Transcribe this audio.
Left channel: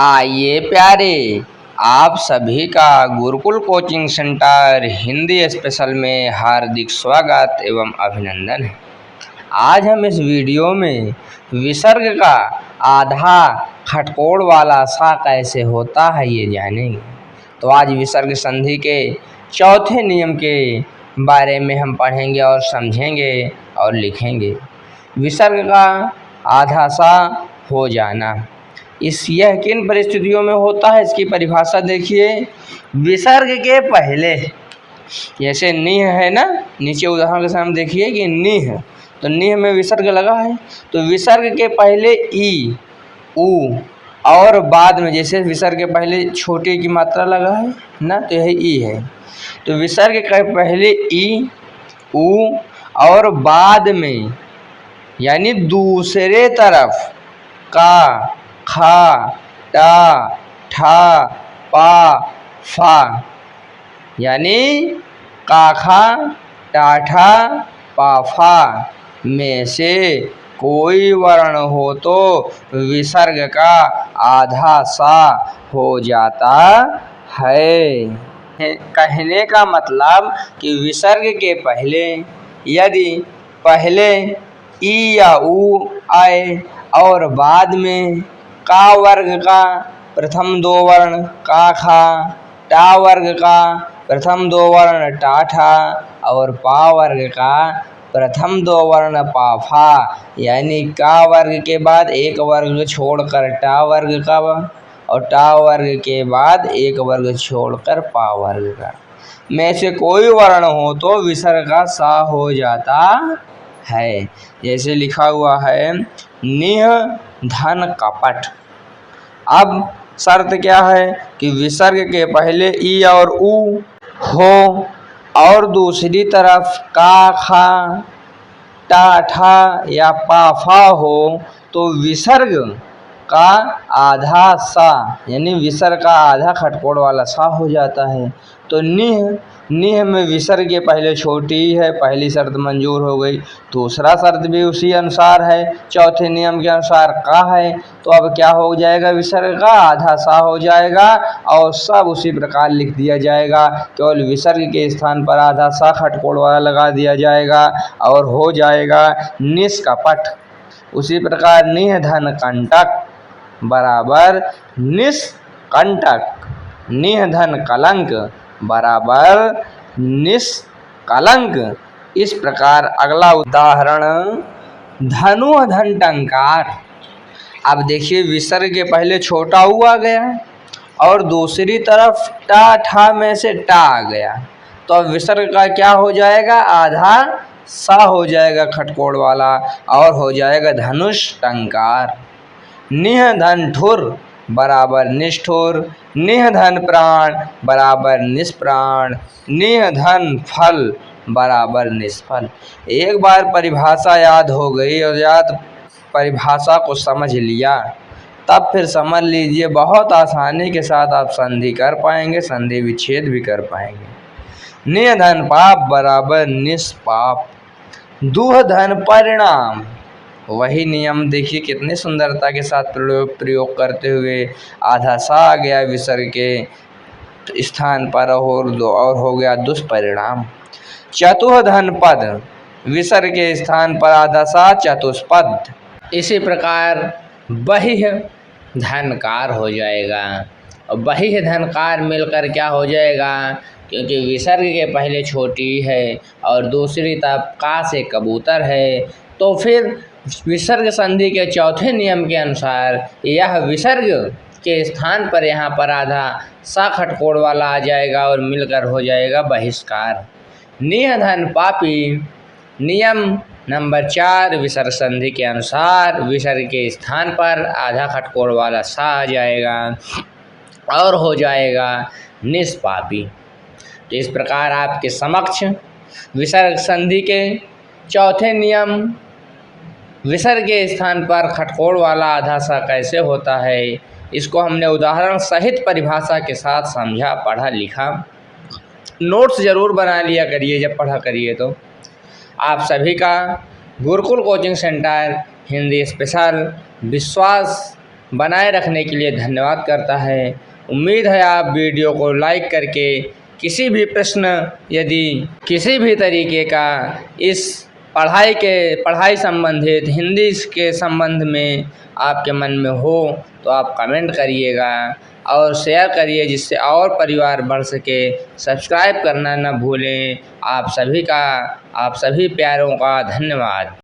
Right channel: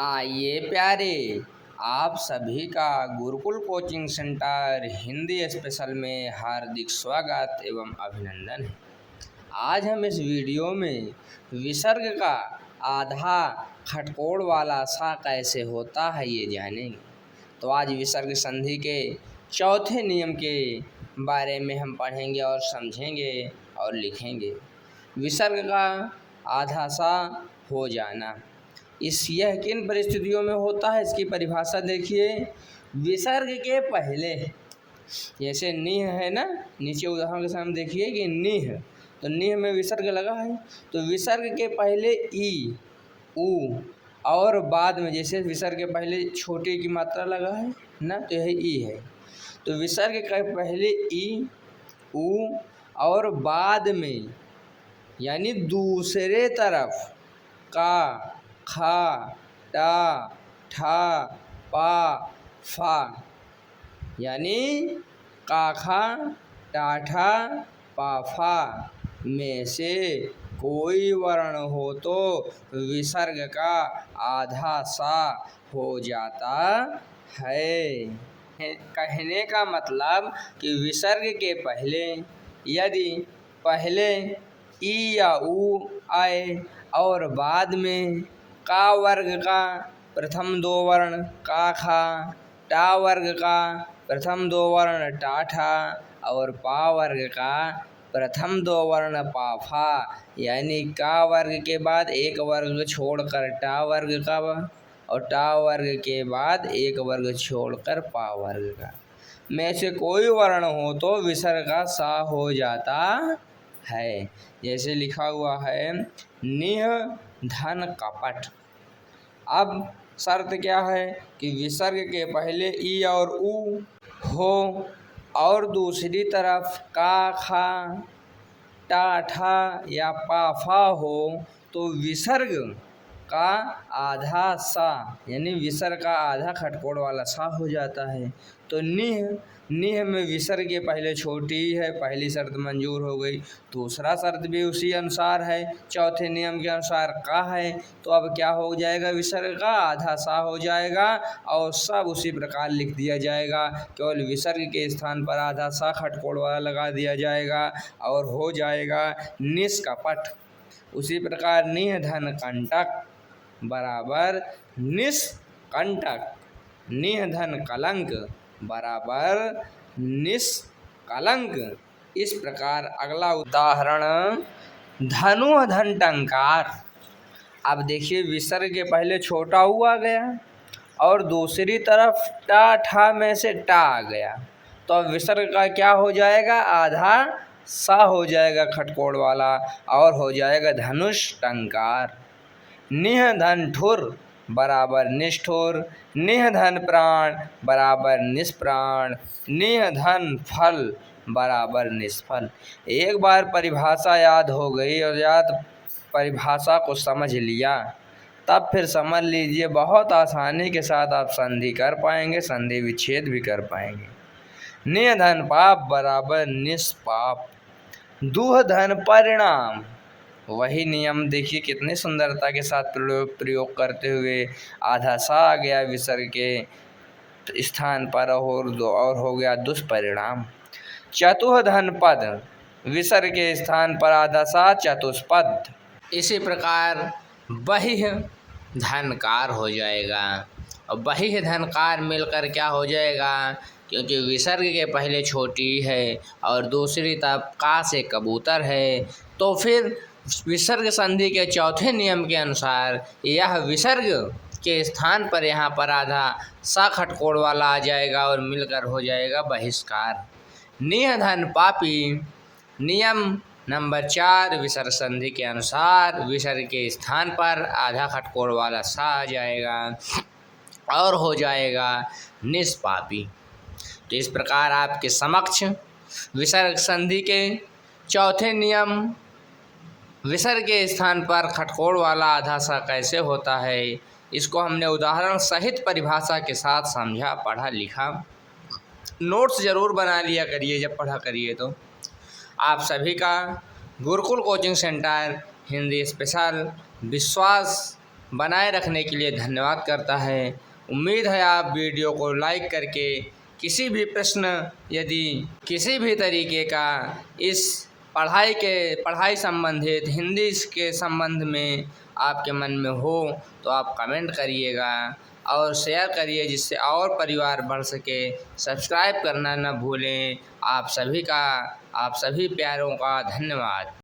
आइए प्यारे, आप सभी का Gurukul coaching centre Hindi special में हार्दिक स्वागत एवं अभिनंदन है। आज हम इस वीडियो में विसर्ग का आधा खटकोड़ वाला सा कैसे होता है ये जानेंगे। तो आज विसर्ग संधि के चौथे नियम के बारे में हम पढ़ेंगे और समझेंगे और लिखेंगे। विसर्ग का आधा सा हो जाना यह किन परिस्थितियों में होता है, इसकी परिभाषा देखिए। विसर्ग के पहले, जैसे निह है ना, नीचे उदाहरण के सामने देखिए कि निह, तो निह में विसर्ग लगा है, तो विसर्ग के पहले ई ऊ और बाद में, जैसे विसर्ग के पहले छोटे की मात्रा लगा है ना, तो यही ई है। तो विसर्ग के पहले ई ऊ और बाद में यानी दूसरे तरफ का, खा, टा, ठा, पा, फा, यानी काखा, टाठा, पाफा में से कोई वर्ण हो तो विसर्ग का आधा सा हो जाता है। कहने का मतलब कि विसर्ग के पहले यदि पहले ई या ऊ आए और बाद में का वर्ग का प्रथम दो वर्ण का खा, टा वर्ग का प्रथम दो वर्ण टाठा और पा वर्ग का प्रथम दो वर्ण पाफा, यानी का वर्ग के बाद एक वर्ग छोड़कर टा वर्ग का और टा वर्ग के बाद एक वर्ग छोड़कर पा वर्ग का में से कोई वर्ण हो तो विसर्ग का सा हो जाता है। जैसे लिखा हुआ है निह धन कपट। अब शर्त क्या है कि विसर्ग के पहले ई और ऊ हो और दूसरी तरफ का, खा, टा, ठा या पाफा हो तो विसर्ग का आधा सा, यानी विसर्ग का आधा खटकोड़ वाला सा हो जाता है। तो निह में विसर्ग के पहले छोटी है, पहली शर्त मंजूर हो गई। दूसरा शर्त भी उसी अनुसार है, चौथे नियम के अनुसार का है, तो अब क्या हो जाएगा, विसर्ग का आधा सा हो जाएगा और सब उसी प्रकार लिख दिया जाएगा। केवल विसर्ग के स्थान पर आधा सा खटकोड़ वाला लगा दिया जाएगा और हो जाएगा निष्कपट। उसी प्रकार निह धन कंटक बराबर निष्कंटक, निह धन कलंक बराबर निष्कलंक। इस प्रकार अगला उदाहरण धनु धन टंकार। अब देखिए विसर्ग के पहले छोटा ऊ आ गया और दूसरी तरफ टा ठा में से टा आ गया, तो अब विसर्ग का क्या हो जाएगा, आधा सा हो जाएगा खटकोड़ वाला और हो जाएगा धनुष टंकार। निह धन ठुर बराबर निष्ठुर, निह धन प्राण बराबर निष्प्राण, निह धन फल बराबर निष्फल। एक बार परिभाषा याद हो गई और याद परिभाषा को समझ लिया, तब फिर समझ लीजिए बहुत आसानी के साथ आप संधि कर पाएंगे, संधि विच्छेद भी कर पाएंगे। निह धन पाप बराबर निष्पाप, दुह धन परिणाम। वही नियम देखिए कितनी सुंदरता के साथ प्रयोग करते हुए आधा सा आ गया विसर्ग के स्थान पर और हो गया दुष्परिणाम। चतुह धन पद, विसर्ग के स्थान पर आधा सा चतुष्पद। इसी प्रकार बहिः धनकार हो जाएगा और बहिः धनकार मिलकर क्या हो जाएगा, क्योंकि विसर्ग के पहले छोटी है और दूसरी तरफ का से कबूतर है, तो फिर विसर्ग संधि के चौथे नियम के अनुसार यह विसर्ग के स्थान पर यहाँ पर आधा सा खटकोड़ वाला आ जाएगा और मिलकर हो जाएगा बहिष्कार। निह धन पापी, नियम नंबर 4 विसर्ग संधि के अनुसार विसर्ग के स्थान पर आधा खटकोड़ वाला सा आ जाएगा और हो जाएगा निष्पापी। तो इस प्रकार आपके समक्ष विसर्ग संधि के चौथे नियम विसर्ग के स्थान पर खटकोड़ वाला आधा सा कैसे होता है, इसको हमने उदाहरण सहित परिभाषा के साथ समझा, पढ़ा, लिखा। नोट्स ज़रूर बना लिया करिए जब पढ़ा करिए तो। आप सभी का Gurukul coaching centre Hindi special विश्वास बनाए रखने के लिए धन्यवाद करता है। उम्मीद है आप वीडियो को लाइक करके किसी भी प्रश्न यदि किसी भी तरीके का इस पढ़ाई संबंधित हिंदी के संबंध में आपके मन में हो तो आप कमेंट करिएगा और शेयर करिए जिससे और परिवार बढ़ सके। सब्सक्राइब करना न भूलें। आप सभी प्यारों का धन्यवाद।